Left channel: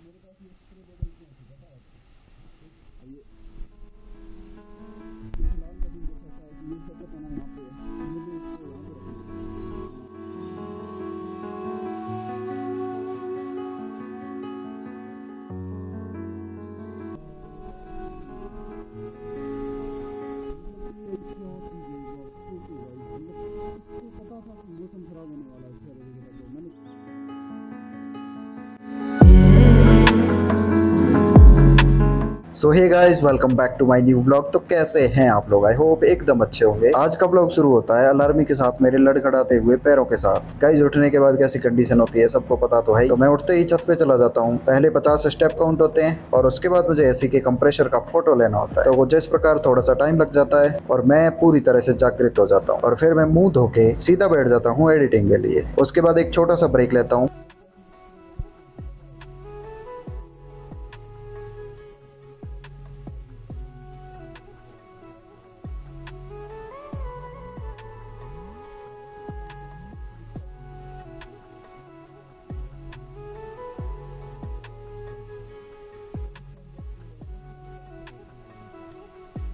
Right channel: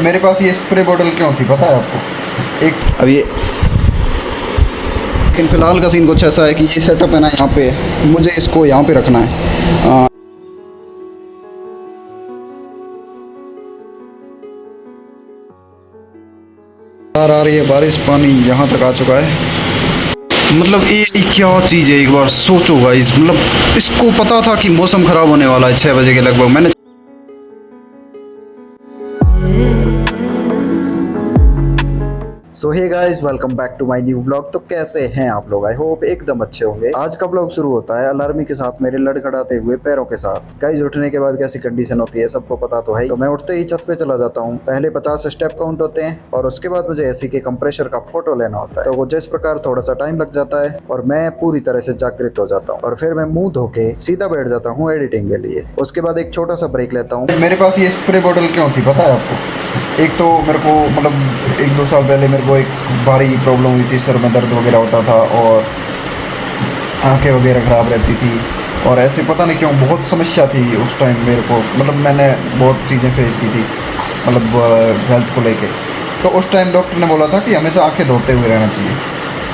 मेरे पास ये स्प्रे बोतल क्यों थी पता है आपको? अब ये लेकिन फ़िलहाल का सीन कुछ ऐसा है कि ये सेटअप है ना, यहाँ पे मुझे इसको यहाँ पे रखना है। आ रही है बारिश, पानी यहाँ तक आ चुका है। मतलब ये क्या चीज़ है, एक बार सोचो गाइस। मतलब इसको पता था कि मौसम ख़राब होने वाला है 6 बजे के लगभग। मैंने so hey guys, welcome back to my new vlog. तो कैसे हैं आप लोग? आई होप एकदम अच्छे होंगे। आज का व्लॉग शुरू होता है अलार्मी के साथ, मेरे लड़खड़ाते हुए पैरों के साथ। गाइस उठने के बाद कैसी कंडीशन होती है सबको पता तो है। तो मैं उठते ही छत पे चला जाता हूँ। पहले 50 स्टेप काउंट होते हैं और उसके बाद मुझे एसी के कंप्रेसर का फोटो लेना होता है। तो वो जिस प्रकार थोड़ा सा टाइम लग जाता है और मैं पूरी तरह से जागृत हो जाता हूँ और फिर मैं मुंह धो के सीधा बैठ जाता हूँ एडिटिंग के लिए। उसके बाद एक छोटा सा ब्रेक लेता हूँ। मेरे पास ये स्प्रे बोतल क्यों थी पता है आपको? एक तो मेरे को मतलब 1-2 साल पहले मेरे को एक भारी प्रॉब्लम हुई थी, सर में दर्द वगैरह होता था और आंखें वगैरह ख़राब रहती थी और ऐसे पता नहीं क्यों बहुत समस्या थी उस टाइम मेरे को। मतलब मैंने बहुत चीज़ें फेस की थी मतलब हेल्थ को लेके। तो उस टाइम डॉक्टर ने बोला था कि हमेशा आंखें धोते हुए रहना चाहिए,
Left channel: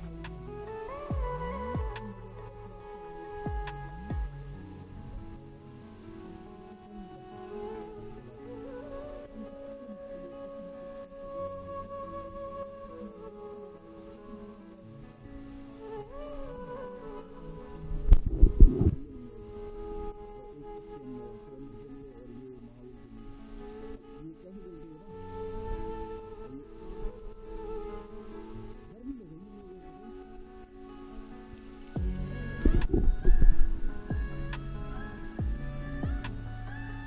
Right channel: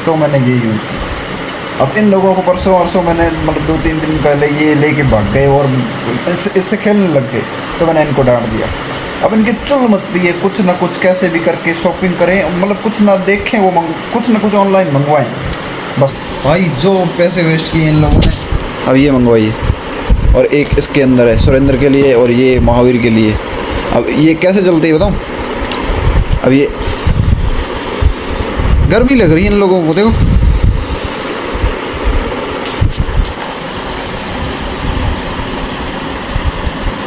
तो मैंने ये यूज़ किया। अब इन लोगों को परसों मैंने मतलब 2-3 दिन पहले ये लेके भाग गए और इससे खेलने लग गए, तो मैंने इनको डांट दिया। अब इनकी चुल मचती है, कुछ ना कुछ कैसे भी करके शॉपिंग करें, मतलब कुछ ना देखें वो कुछ ना कुछ ऑनलाइन मंगवाएं बस। भाई जो पैसे वेस्ट किए इन लोगों ने। अब ये मंगवाइए और एक इसके अंदर है सुरेंद्र के लिए और ये महावीर के लिए। अब ये कैसे चलती है बताऊँ? अब ये गर्मी लग रही है इन लोगों को, देखो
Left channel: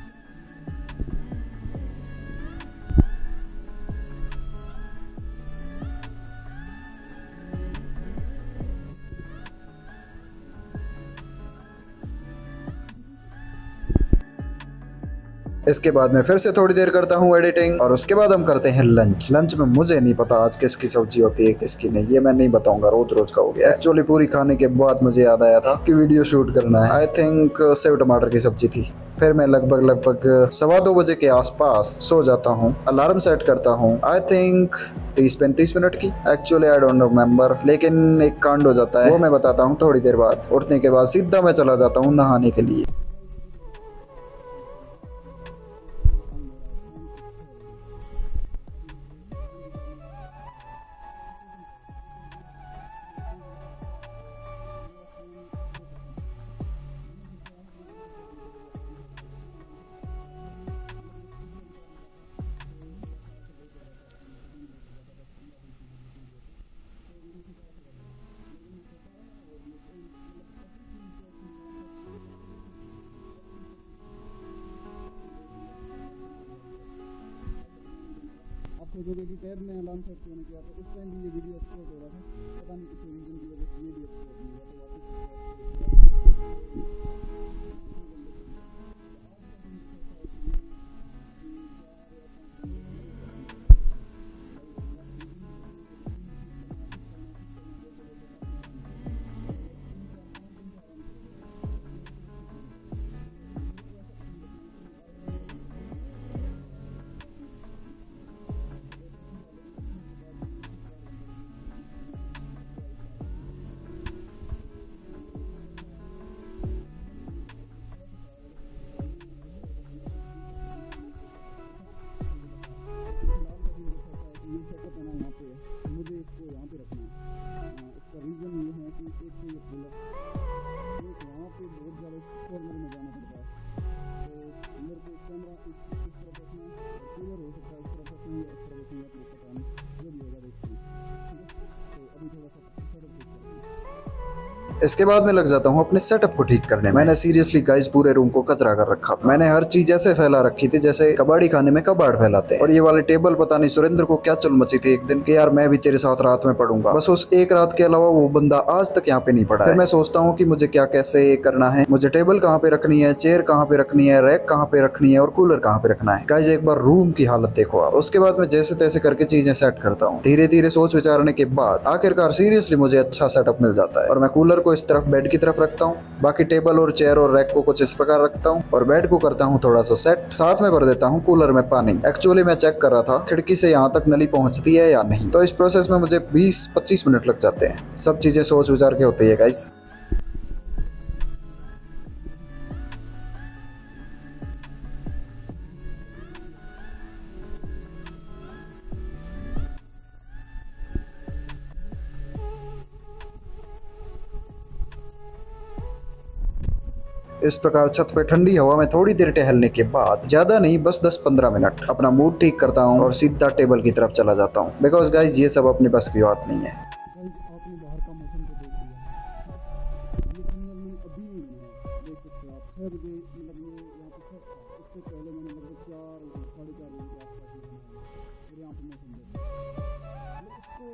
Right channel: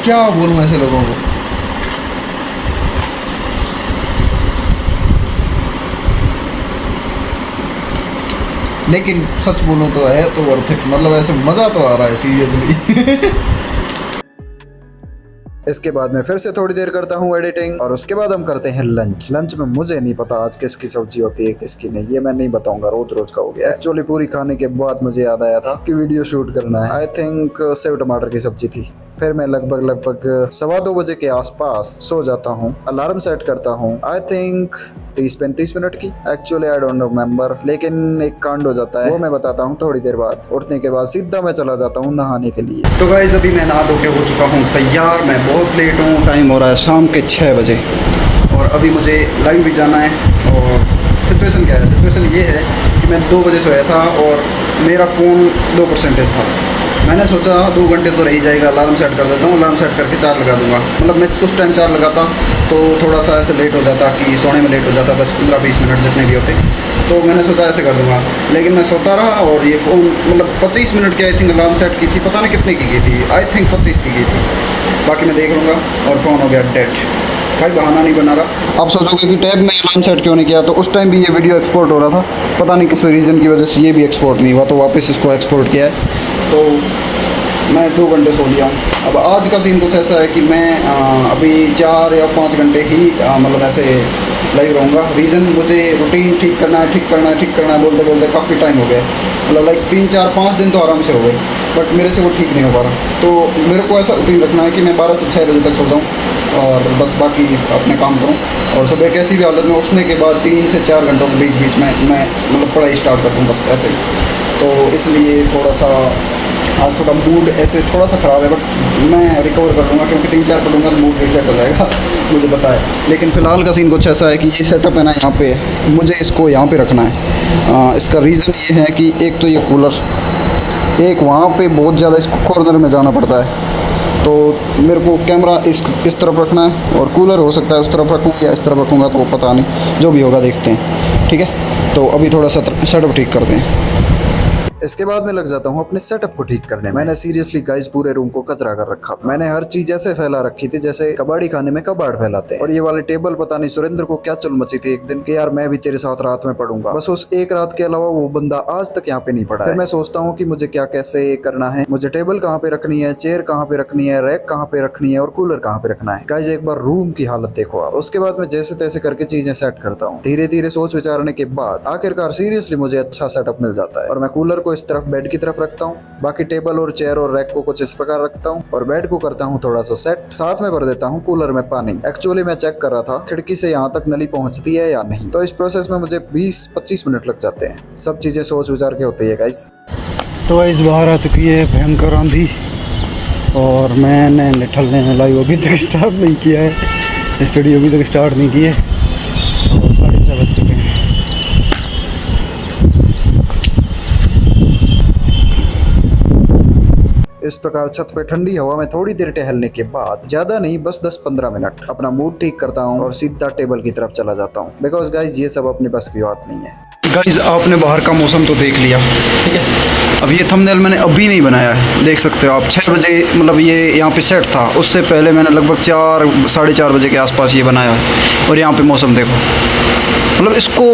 क्या बोलूँ ऐसे लोगों को। लेकिन सच बोलूं तो है तो वर्थ इट, मतलब ऐसे मज़ा तो आ रहा है सीरियसली। इसके बाद मैं फिर से थोड़ी देर करता हूँ एडिटिंग और उसके बाद हम करते हैं लंच। लंच में मुझे नहीं पता आज किसकी सब्जी होती है किसकी नहीं, ये मैं नहीं बताऊंगा, रोज रोज का हो गया। एक्चुअली पूरी खाने के बाद मुझे याद आया था कि वीडियो शूट करना है। आई थिंक सेव टमाटर की सब्जी थी। फिर मैं लगभग 2:15 बजे के आसपास सो जाता हूँ। अलार्म सेट करता हूँ आई थिंक 30-35 मिनट की। एक्चुअली आई डोंट रिमेम्बर, लेकिन एक कांड हो जाता है वो मैं बताता हूँ थोड़ी देर बाद। उठने के बाद सीधा मैं चला जाता हूँ नहाने के लिए। तो गाइस अभी मैं नहा धो के हो चुका हूँ तैयार। मैं बहुत लेट हूँ, टाइम हो रहा है शाम के 6 बजे और अभी मुझे लाइव भी जाना है। और सिचुएशन क्या है? सिचुएशन ये है कि मैं 2 बजे सोया था और मेरा फ़ोन 2% था। मैंने सोचा 2 घंटे तो रह ही जाएगा, अलार्म सेट कर देता हूँ, अलार्म सेट करके चार्ज लगा दूंगा। मतलब मैं उस टाइम चार्ज लगाता तो थोड़ा सा ऐसे लेट हो जाता कि सोने में लेट हो जाता, 10-15-20 मिनट जितने भी होते। तो मैंने सोचा ऐसे कर दूंगा, लेकिन मैं सोता रहा और ये फ़ोन मतलब 25 मिनट की आई थिंक अलार्म सेट की थी, पता नहीं कितने की गई थी, आई थिंक 25 की गई थी। बाकी मैं देख लूँगा और फ़ोन हो गया डेड। भाई बहाना नहीं बना रहा। आप सोचोगे कि टैब में अलार्म सेट क्यों नहीं किया, तो उस टाइम भी ये वीडियो एक्सपोर्ट हो रहा था, पता नहीं किस रीज़न की वजह से ये भी एक्सपोर्ट नहीं हुआ, तो वापस इसको एक्सपोर्ट किया है। तो मैं 2 घंटे सो लिया हूँ। अब आज का सीन कुछ ऐसा है कि मैं अभी 4 या 5 घंटे ही मतलब ऐसे लाइव रहूँगा। रीज़न मुझे रूटीन ठीक करना है बोलते बोलते काफ़ी टाइम हो गया। मतलब लाइक 3-4-5 दिन तो आराम से हो गए, बट मेरे से वो ठीक नहीं हो पा रहा। तो मेरे को ऐसा रूटीन रखना है कि मैं 12 से 6 बजे तक सो जाऊँ और बस बाकी अपने काम करूँ और सुबह कैसी भी हालत में उठने के बाद 3 से 4 घंटों के बीच में मैं मतलब पढ़ाई स्टार्ट कर दूँ बस ऐसे ही। तो इसलिए थोड़ा सा आज थोड़ा मूड ऐसे थोड़ा सा ख़राब है, बट मैं रिकवर कर लूँगा क्योंकि 3-4 पढ़ूँगा तो मूड रीसेट हो जाएगा। मुझे पता है। लेकिन फ़िलहाल का सीन कुछ ऐसा है कि ये सेटअप है ना, यहाँ पे मुझे इसको यहाँ पे रखना है। इसका रीज़न ये है कि एक तो ये कूलर, एक वहाँ पे बहुत ज़्यादा इसको कॉर्नर में जाना पड़ता है, तो मेरे को कैमरा इस तरफ रखना है और कूलर हो सकता है उस तरफ रखूँ या इस तरफ रखूँगा, तो पता नहीं, जो भी होगा देखते हैं। ठीक है, तो अभी थोड़ा सा सेटअप ठीक करते हैं। इसके बाद मैं लग जाता हूँ अपने सेटअप को ठीक करने में। मैंने सीरियसली गाइस पूरे रूम को कचरा कर रखा था। मैंने हर चीज ऐसे फैला रखी थी जैसे कबाड़ी खाने में कबाड़ फैलाते हैं। और ये वाले टेबल पता नहीं सुरेंद्र को क्या चुल मची थी एक दिन कि यार मैं भी तेरे साथ रात में पढ़ूंगा। बस उस एक रात के अलावा वो बंदा आज तक यहाँ पे नहीं पड़ा है। फिर मैं सोचता हूँ कि मुझे क्या कैसे करना है, मुझे टेबल कहाँ पे रखनी है, चेयर कहाँ पे रखनी है, रैक कहाँ पे रखनी है और कूलर कहाँ पे रखना है। गाइस एक बार रूम की हालत देखो आप। उसके बाद मैं जैसे तैसे करके चीजें सेट करता हूँ। धीरे धीरे सोच विचारने के बाद आखिरकार सीरियसली मुझे अच्छा सेटअप मिल जाता है और मैं कूलर को को इस तरफ बेड की तरफ रखता हूँ, बाकी टेबल और चेयर और रैक को कुछ इस प्रकार रखता हूँ और बेड को करता हूँ थोड़ा सा सेट। साथ में भर देता हूँ कूलर में पानी। एक्चुअली मैं चेक कर रहा था खिड़की से यहाँ तक नली पहुँचती है या नहीं, तो इस प्रोसेस में मुझे 20-25 मिनट लग जाते हैं। सब चीजें सोच विचार के होती है गाइस। तो गाइस बाहर आ चुकी है भयंकर आंधी और मैंने निठलने में लाइव अभी तक स्टार्ट नहीं किया है, स्टडी अभी तक स्टार्ट नहीं की है और 6:30 बज चुके हैं। इस प्रकार छत पे ठंडी हवा में थोड़ी देर टहलने के बाद, ज्यादा नहीं बस 10-15 मिनट, अपना मूड ठीक करता हूँ और सीधा टेबल की तरफ चला जाता हूँ। बिकॉज गाइज ये सब अपने बस की बात नहीं है। गाइस आपने बाहर का मौसम तो देख लिया, ठीक है। अब ये थंबनेल मैंने अभी नहीं बनाया है, देख सकते हो आप। 6 बजे मतलब ये यहाँ पे सेट था, उससे पहले मैंने लगभग 4-4:30 बजे के आसपास ये बनाया है। और यहाँ पे मौसम देखो, मतलब इसको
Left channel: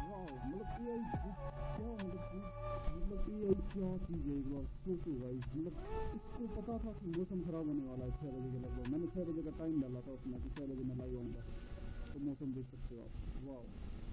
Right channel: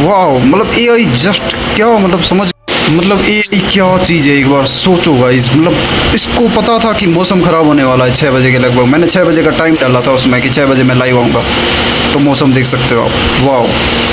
वाह, मतलब AI जस्ट क्या मतलब समझ, मतलब AI क्या चीज़ है एक बार सोचो गाइस। मतलब इसको पता था कि मौसम ख़राब होने वाला है 6 बजे के लगभग। मैंने 6 बजे का टाइम डाला था उसमें कि 6 बजे मैं लाइव आऊँगा, तो मौसम देख सकते हो आप, वाह।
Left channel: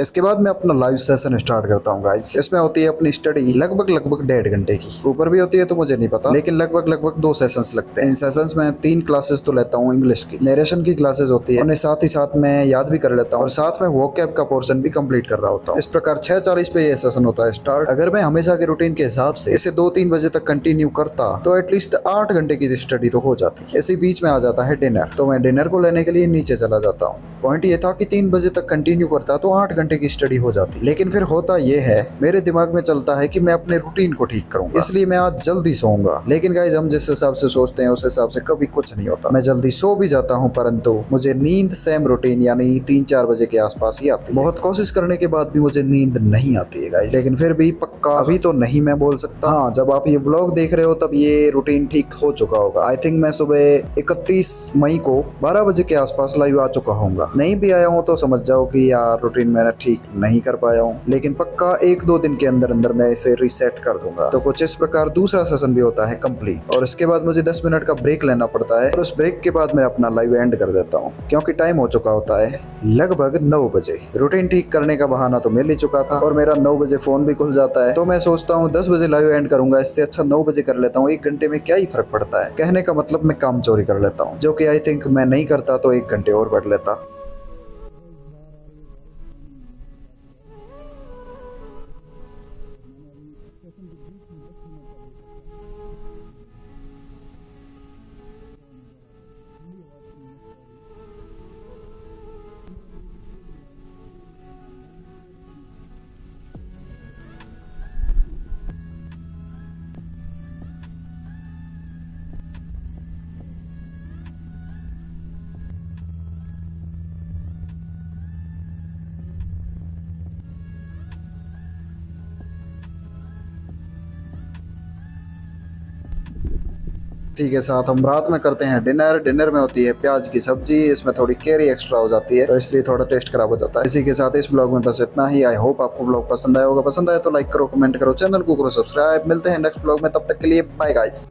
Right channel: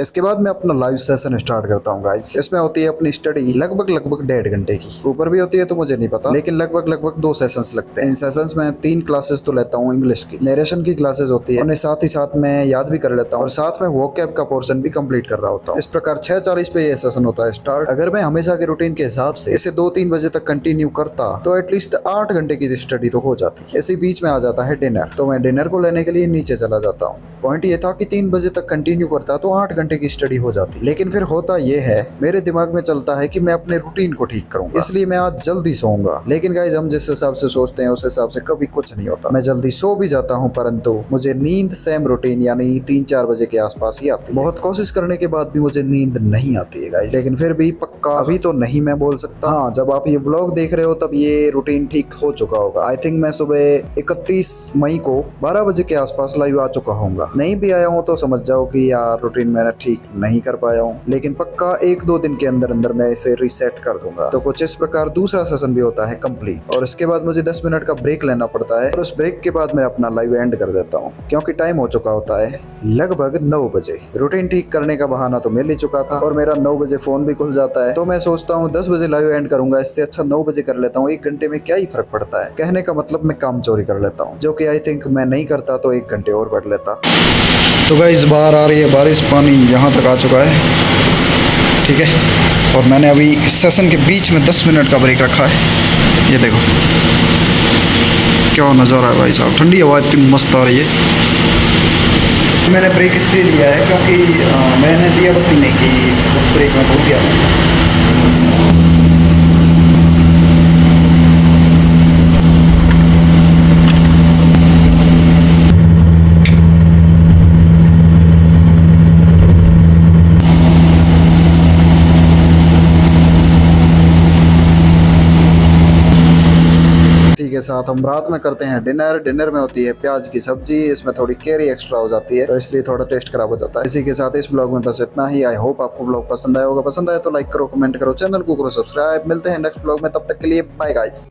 इसके बाद मैं अपना लाइव सेशन स्टार्ट करता हूँ गाइस। इसमें होती है अपनी स्टडी लगभग 1.5 घंटे की, ऊपर भी होती है तो मुझे नहीं पता, लेकिन लगभग 2 सेशंस लगते हैं। इन सेशंस में 3 क्लासेस तो लेता हूँ इंग्लिश की, नरेशन की क्लासेस होती है, उन्हें साथ ही साथ मैं याद भी कर लेता हूँ और साथ में वोकैब का पोर्शन भी कंप्लीट कर रहा होता हूँ। इस प्रकार 6:40 पे ये सेशन होता है स्टार्ट। अगर मैं हमेशा के रूटीन के हिसाब से इसे 2-3 बजे तक कंटिन्यू करता तो एटलीस्ट 8 घंटे की स्टडी तो हो जाती। इसी बीच में आ जाता है डिनर, तो मैं डिनर को लेने के लिए नीचे चला जाता हूँ। पॉइंट ये था कि 3 बजे तक कंटिन्यू करता तो 8 घंटे की स्टडी हो जाती, लेकिन फिर होता ये है मेरे दिमाग में चलता है कि मैं अपने रूटीन को ठीक करूंगा, इसलिए मैं आज जल्दी सोऊंगा। लेकिन गाइस हम जिस हिसाब से सोचते हैं उस हिसाब से कभी कुछ नहीं होता। मैं जल्दी सो भी जाता हूँ, परंतु मुझे नींद सेम रूटीन यानी 3-4 बजे के आसपास ही आती है। बहुत कोशिश करने के बाद भी मुझे नींद नहीं आती है गाइस, लेकिन फिर भी पक्का अभी तो नहीं मैं बोल सकता। हाँ, जब आप ये व्लॉग देख रहे हो तब ये रूटीन ठीक हो चुका होगा। आई थिंक मैं सुबह 31 मई को 12 बजे के आसपास लाइव आ चुका हूँ। नहीं भी आया हूँ तो समझ जाओ कि यार रूटीन मैंने ठीक नहीं कर पाया हूँ, लेकिन पक्का 1-2 दिन के अंदर अंदर मैं इसे रीसेट कर दूंगा। तो कुछ इस प्रकार दूसरा सेशन भी होता है कंप्लीट और इसके बाद मुझे 10 मिनट का ब्रेक लेना पड़ता है और उस ब्रेक के बाद मैं अपना लाइव एंड कर देता हूँ, क्योंकि टाइम हो चुका होता है लगभग 9 बजे। रूटीन ठीक करने का बहाना तो मिल ही चुका था और मेरा 9 बजे फोन भी खुल जाता है, तो मैं सोचता हूँ 10 बजे लाइव एंड करूंगा, इससे अच्छा 9 बजे कर लेता हूँ। 1 घंटे में क्या ही फर्क पड़ता है। कहने का मतलब मैं काम चोरी कर लेता हूँ, जो कि आई थिंक मैं नहीं करता तो 1 घंटे और बढ़ लेता। तो गाइस बाहर आ रही है बारिश, पानी यहाँ तक आ चुका है, ठीक है। और मैंने अभी सेशन के बीच में 10 मिनट का ब्रेक रखा है। ये देखो क्या नज़ारा है भाई साहब, ठंडी हवा इतनी मस्त आ रही है। मैंने ब्रेक इसलिए लिया है क्योंकि मैंने दिया बत्ती नहीं की, उस ब्रेक में भूल गया। के साथ हम रात में करते हैं डिनर। डिनर में होती है प्याज की सब्जी, इसमें थोड़ी कैरी एक्स्ट्रा हो जाती है तो इसलिए थोड़ा टेस्ट खराब हो जाता है। इसी के साथ इस ब्लॉग में बस इतना ही। आई होप आपको ब्लॉग पसंद आया होगा। पसंद आया तो लाइक करो, कमेंट करो, चैनल को करो सब्सक्राइब। मिलते हैं नेक्स्ट ब्लॉग में, तब तक के लिए बाय गाइस।